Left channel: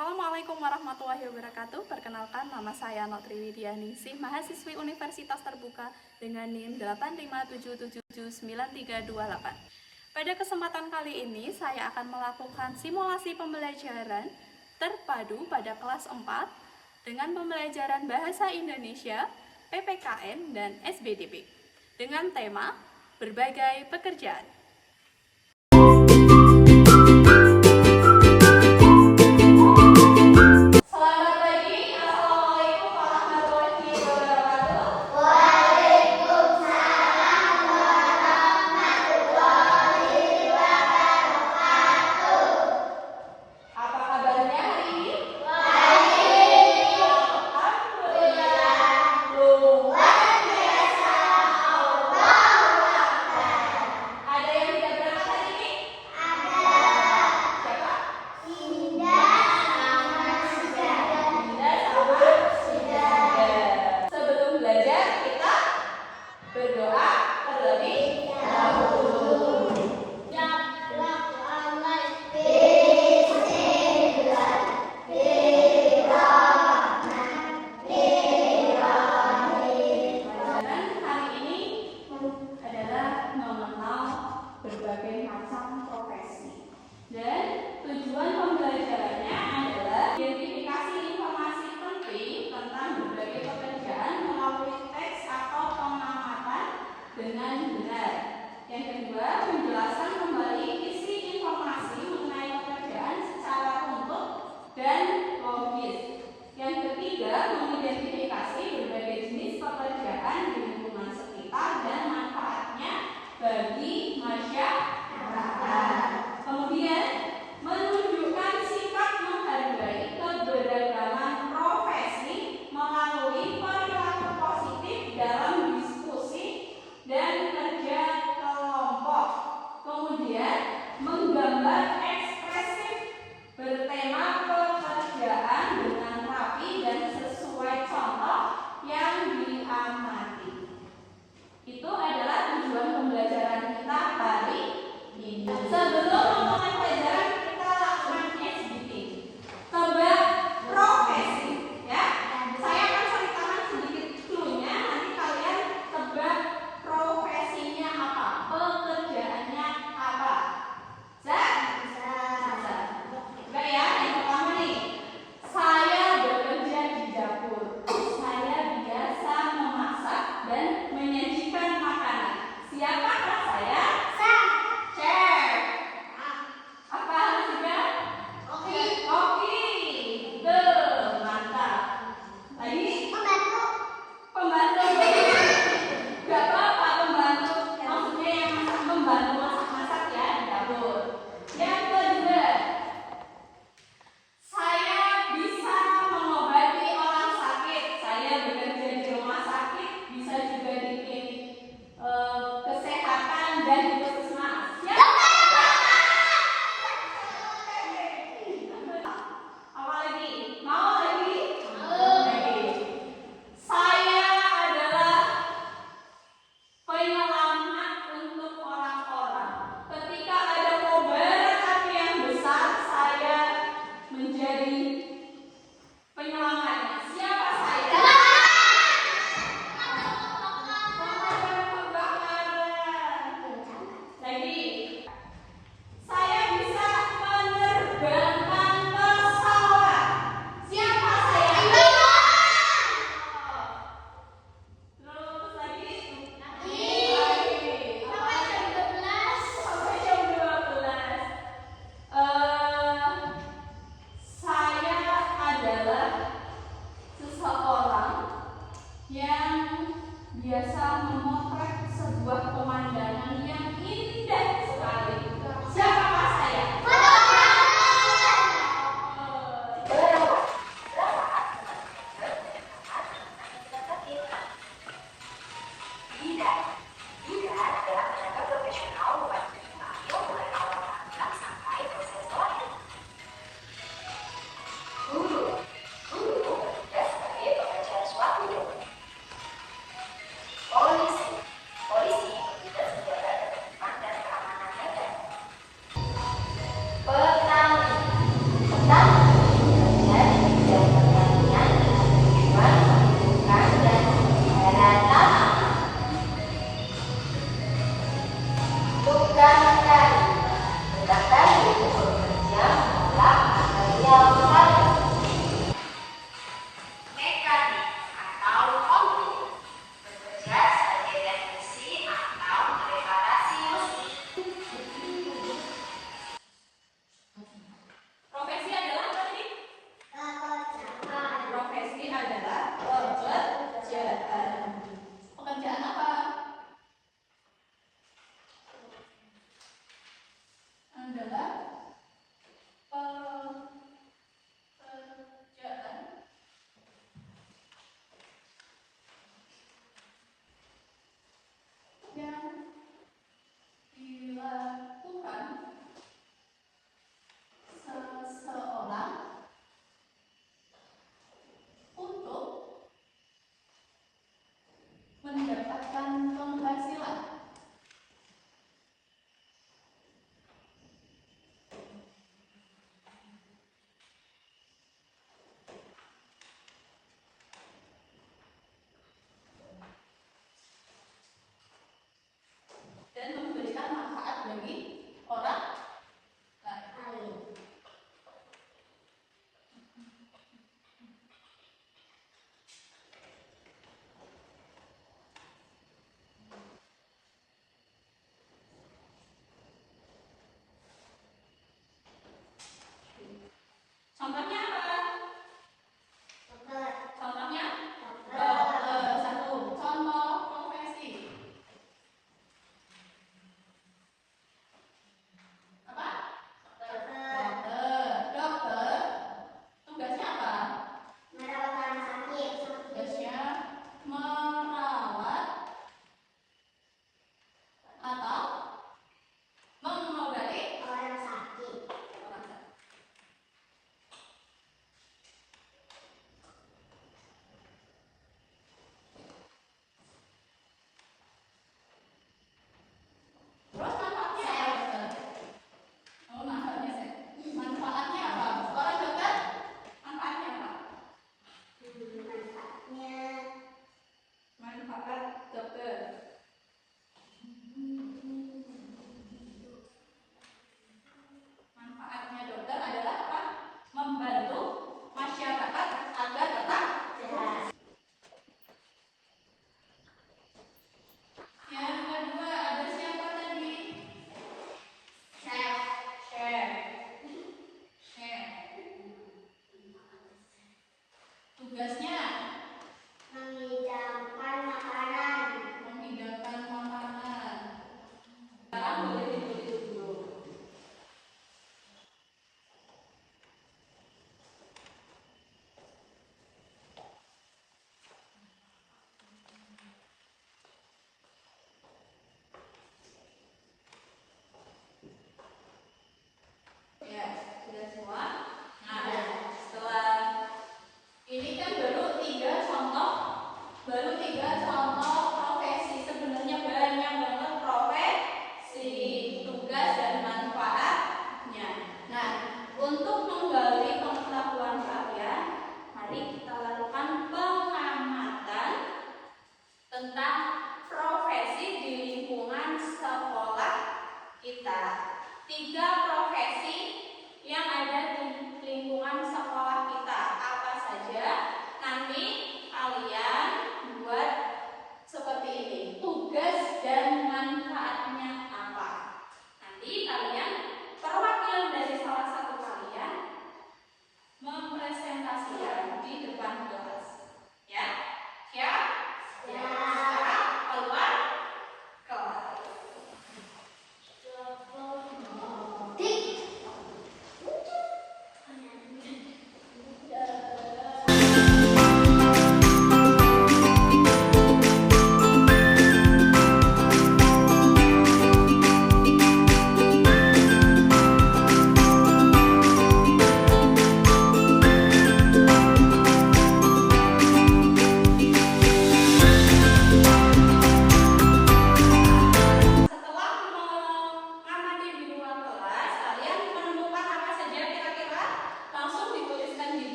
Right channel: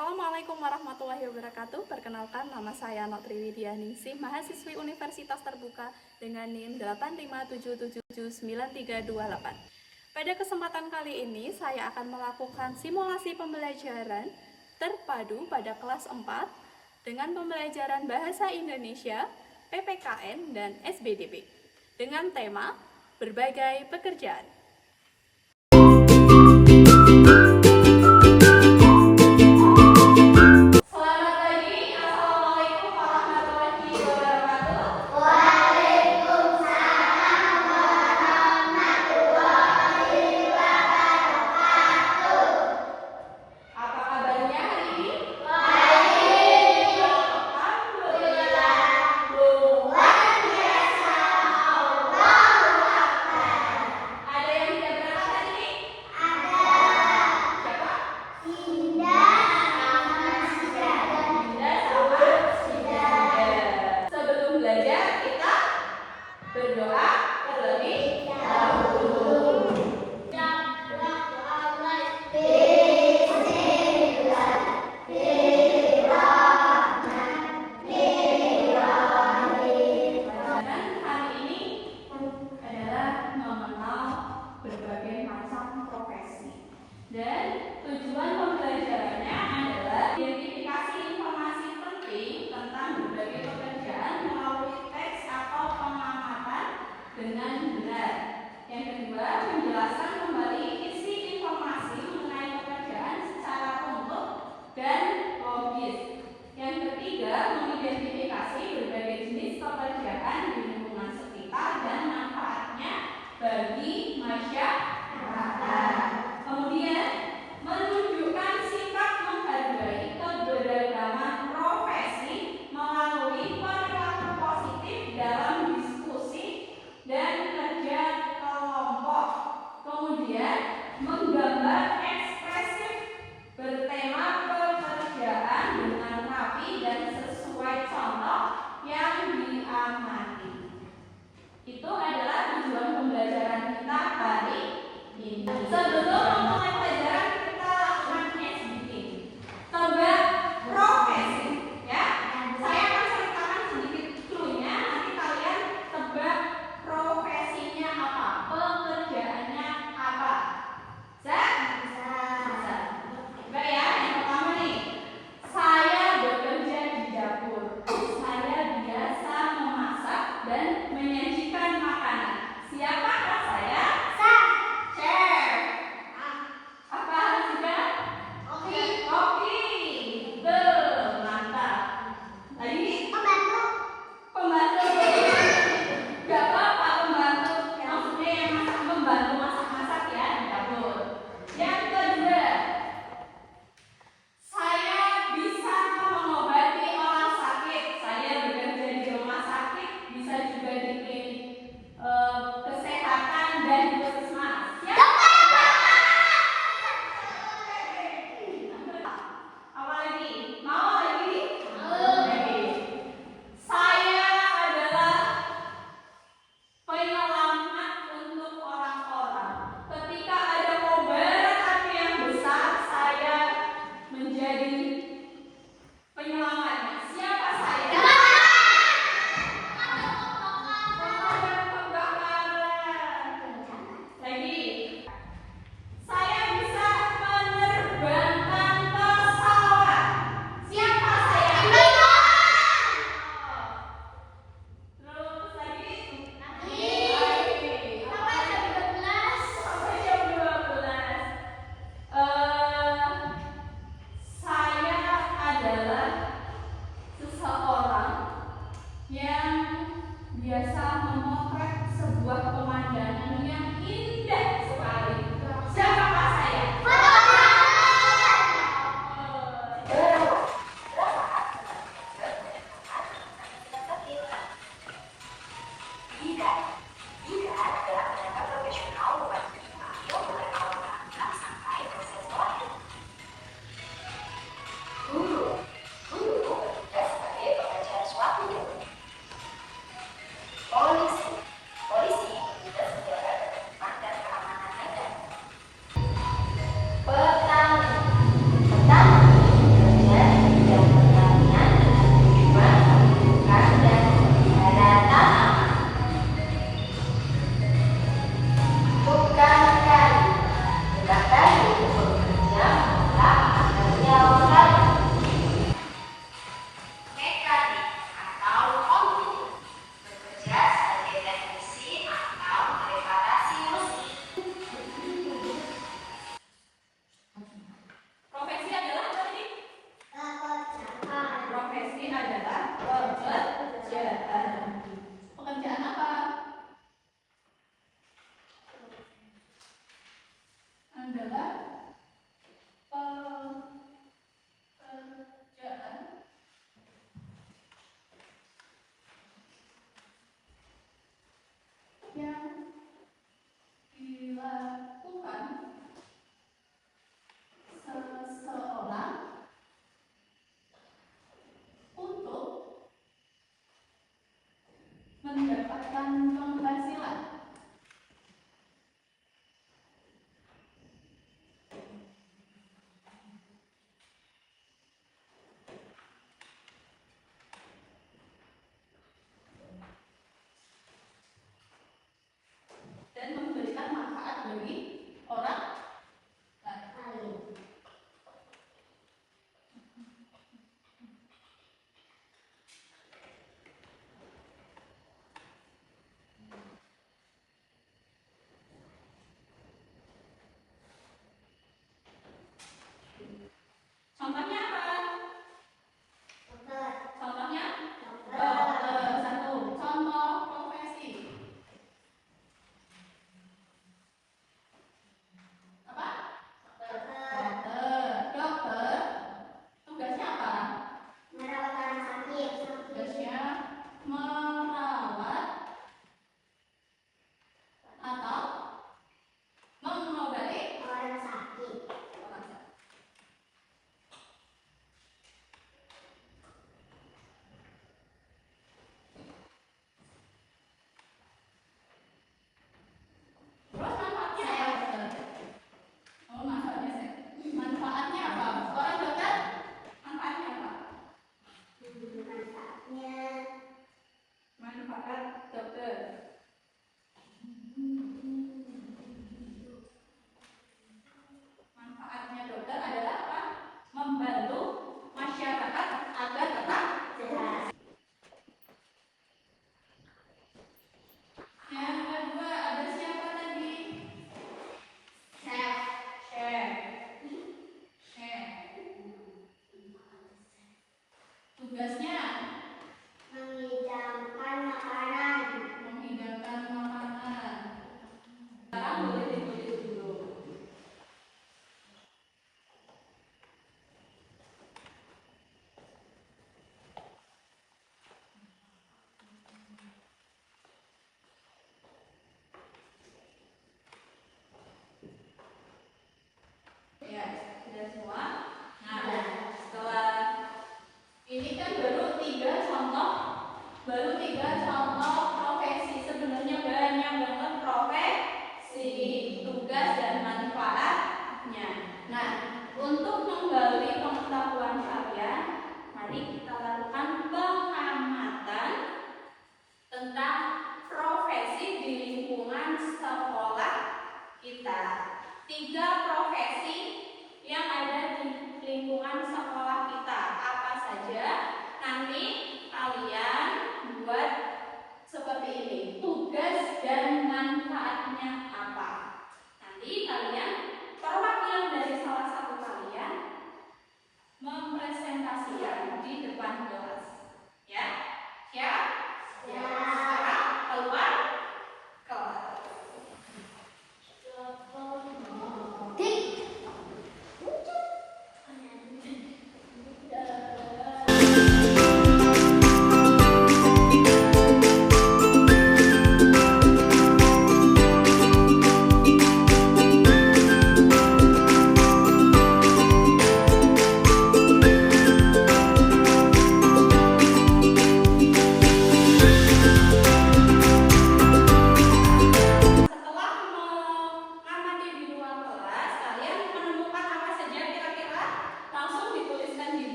Assalamualaikum warahmatullahi wabarakatuh. Perkenalkan, nama saya Notri Widya Ningsih, mahasiswi Universitas Terbuka dengan NIM 857779328. Pada kesempatan kali ini, saya akan melakukan simulasi pembelajaran terpadu pada kelas 4 dengan pembelajaran Bahasa Indonesia, PPKN, dan SBDP dengan tema berbagai pekerjaan. Berdoa terlebih dahulu. Hari ini adalah mengenal berbagai macam profesi, dan tujuan pembelajarannya adalah identifikasi informasi penting tentang berbagai pekerjaan melalui teks atau pengamatan dengan benar. Yang kedua, penjelasan kembali isi informasi mengenai pekerjaan secara utuh dan logis. Yang ketiga, mengidentifikasi berbagai jenis pekerjaan di lingkungan sekitar dan manfaatnya bagi masyarakat. Kemudian, menunjukkan sikap menghargai keberagaman profesi melalui perilaku positif dalam diskusi dan kerja kelompok. Kemudian, menggambar ekspresif bertema pekerjaan dengan rapi dan sesuai contoh yang diamati. Itu adalah tujuan pembelajaran kita hari ini. Sebelum memulai pelajaran, kita lakukan SBT. Tebak profesi, ya. Saya akan ceritakan sedikit clue-nya, nanti kalian tebak profesinya apa, pekerjaannya apa. Bisa? Enggak ya, yang pertama nih. Saya bekerja di dapur. Saya biasa memasak dan menyajikan makanan. Siapakah saya? Chef. Apa juga? Koki. Betul, mantap. Lagi? Pembantu. Gak apa-apa pembantu. Maksudnya yang membantu masak-masak ya di dapur. Yang kedua, saya bisa mengobati orang sakit. Saya bekerja di rumah sakit, bisa juga di klinik kesehatan dan di puskesmas. Ya. Apa lagi? Mau lagi? Oke. Saya adalah penyelamat untuk orang-orang. Ketika ada kobaran api yang besar, saya menjadi penyelamatnya. Siapa saya? Lagi. Saya bisa menerbangkan pesawat. Siapa saya? Terus lagi? Sampai jam 12. Sampai jam 12. Saya adalah pekerjaan. Pekerjaan apa? Adalah pekerjaan yang dilakukan seseorang untuk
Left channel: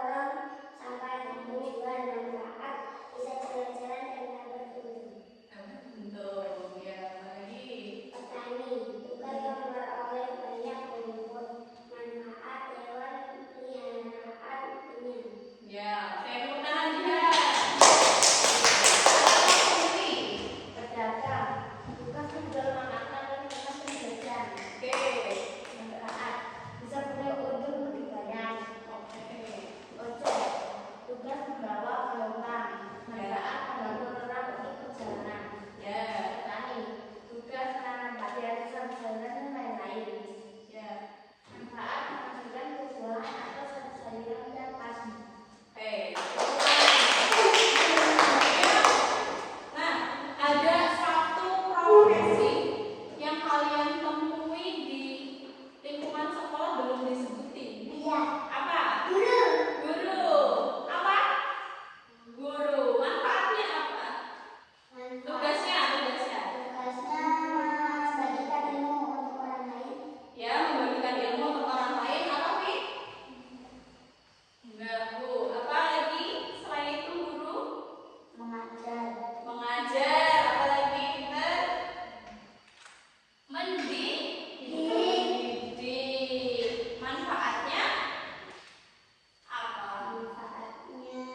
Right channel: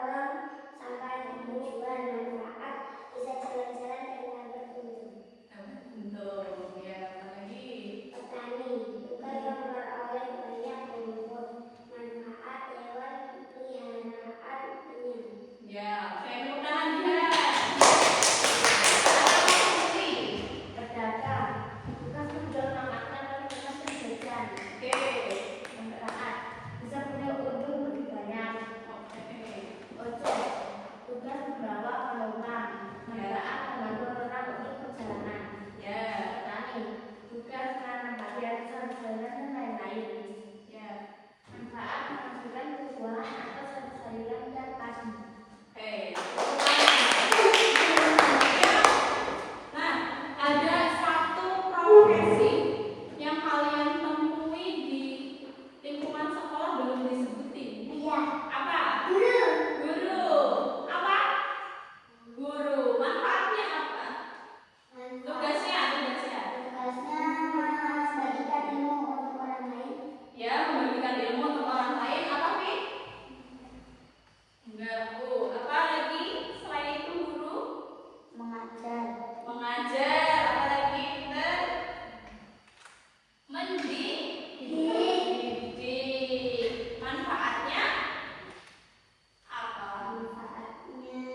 orang sampai kampus bermanfaat, bisa jalan-jalan dan berkunjung. Betul. Ya, lagi. Petani, tugas yang beroleh banyak rumput, manfaat hewan peliharaan penyang. Ya, saya tepuk tangan juga. Pedagang, tugas menjual makanan dan tempat penjajahan. Oke. Masyarakat, bisa punya untung lebih banyak. Oke. Ojek, tugas membawa penumpang, manfaat membantu orang untuk perjalanan. Ya. Petani, tugas menanam padi ratusan sayuran dan lain-lain. Ya. Manfaat menghasilkan penjualan atas sayuran dan padi. Oke. Nah, ada satu profesi yang kalian temui di lingkungan sekolah belum disebutin. Iya. Apa? Guru. Guru. Apa? Guru. Manfaatnya apa? Tugasnya. Tugasnya membagikan ilmu untuk orang lain. Ya, membagikan ilmu untuk orang lain. Apa, Pi? Enggak, Bu. Apa lagi selain itu guru? Mengajar. Mengajar. Apa lagi, Pinter? Mendidik. Manfaatnya apa? Manfaatnya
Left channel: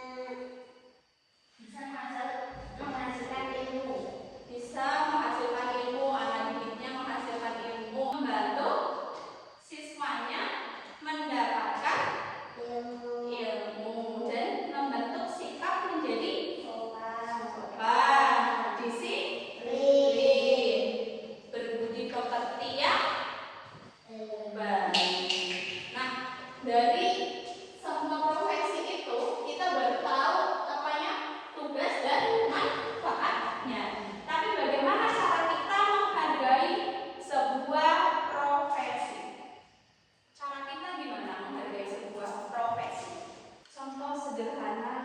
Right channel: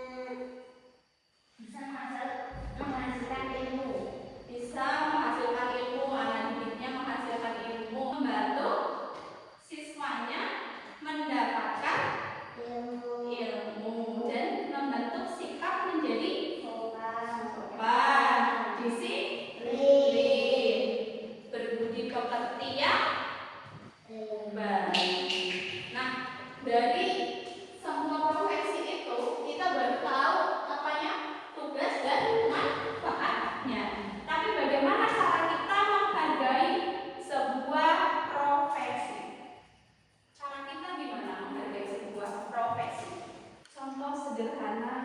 bisa menghasilkan ilmu. Bisa menghasilkan ilmu, anak didiknya menghasilkan ilmu, membantu siswanya mendapatkan ilmu dan membentuk sikap menjadi sopan, disiplin, berbudi pekerti yang baik. Nah, dari semua profesi itu kita baru tahu apanya tugas dan manfaatnya. Tapi bagaimana cara kita menghargai sebuah profesi? Cara kita gimana menghargai sebuah profesi? Contoh sederhana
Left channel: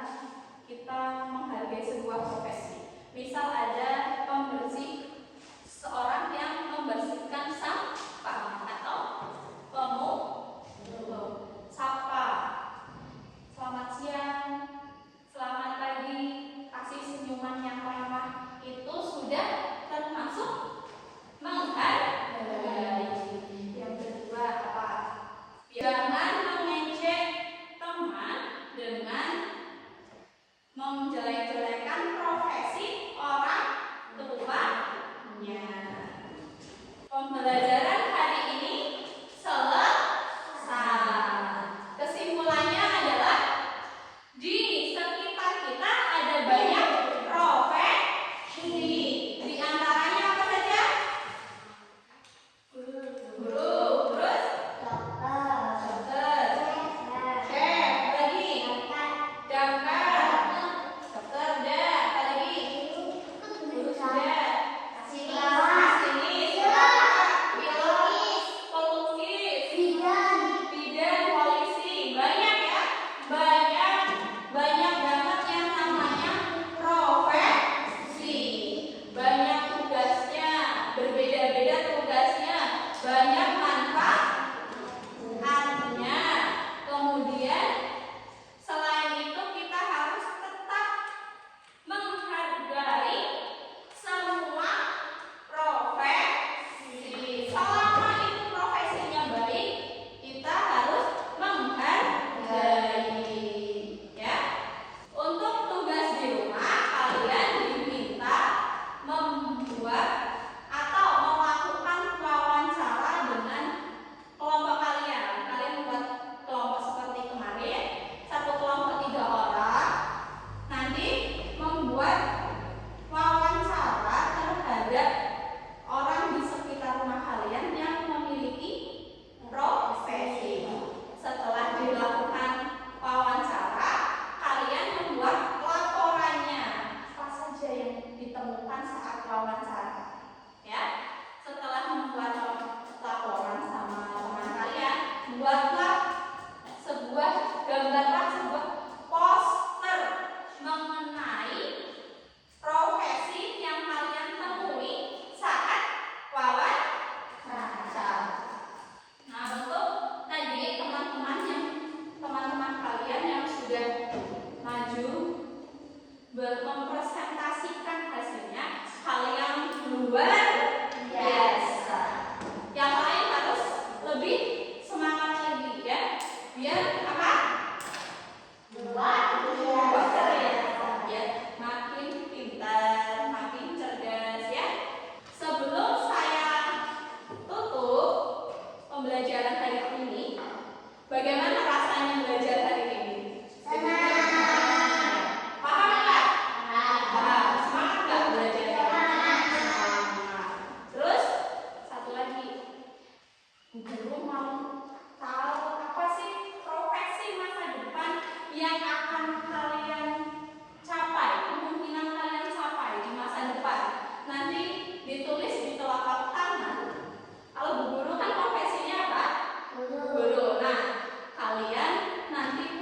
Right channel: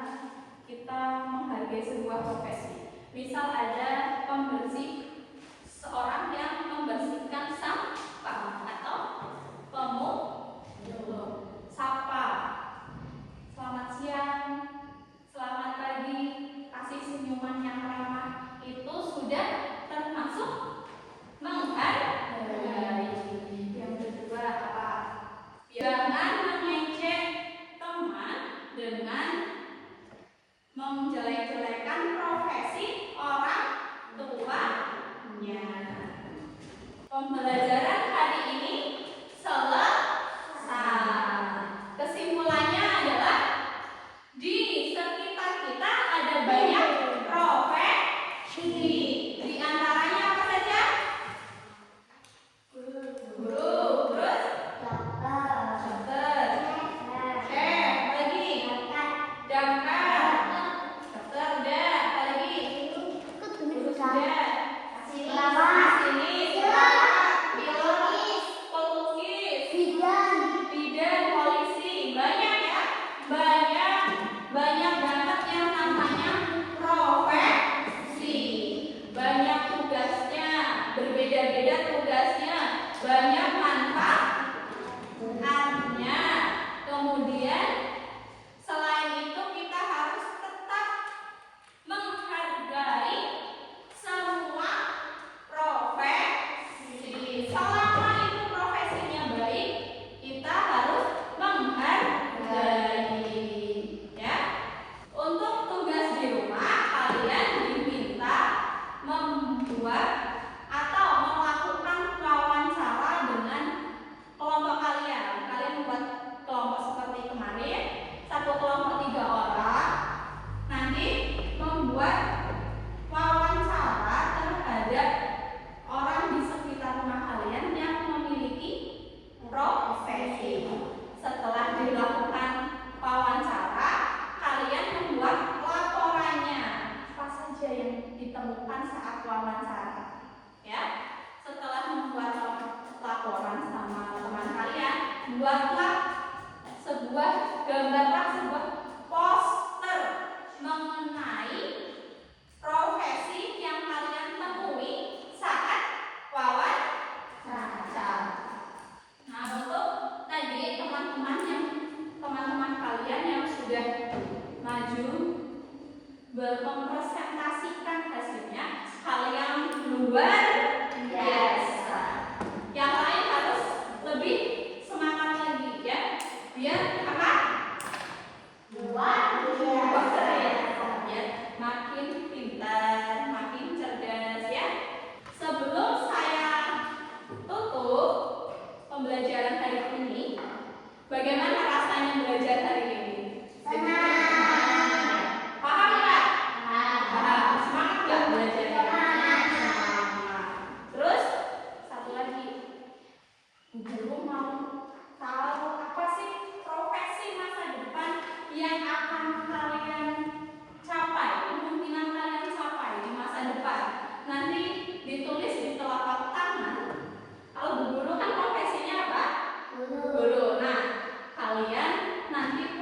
kita menghargai sebuah profesi. Misal ada pembersih, seorang yang membersihkan sampah atau pemungut sapa. Selamat siang, selamat pagi, kasih senyuman yang ramah, itu sudah termasuk menghargai. Yang kedua apa? Jangan mengejek teman dengan menjelek-jelekan profesi orang tua mempresentasikan hasilnya hal yang luar biasa. Yang lain harus lebih semangat lagi ya, biar apa? Ya, makin pintar, makin cerdas ya. Sebelum saya tutup pembelajaran hari ini, bagaimana rasanya belajar hari ini? Paham nggak? Paham. Semangat nggak belajarnya? Semangat. Terus satu lagi, guru mau tahu apa sih profesi masa depan yang akan kalian capai, kemungkinan kalian capai di masa depan. Nanti ditulis di telapak tangan. Kalau bu guru kan profesinya apa? Guru. Nah, kalian nanti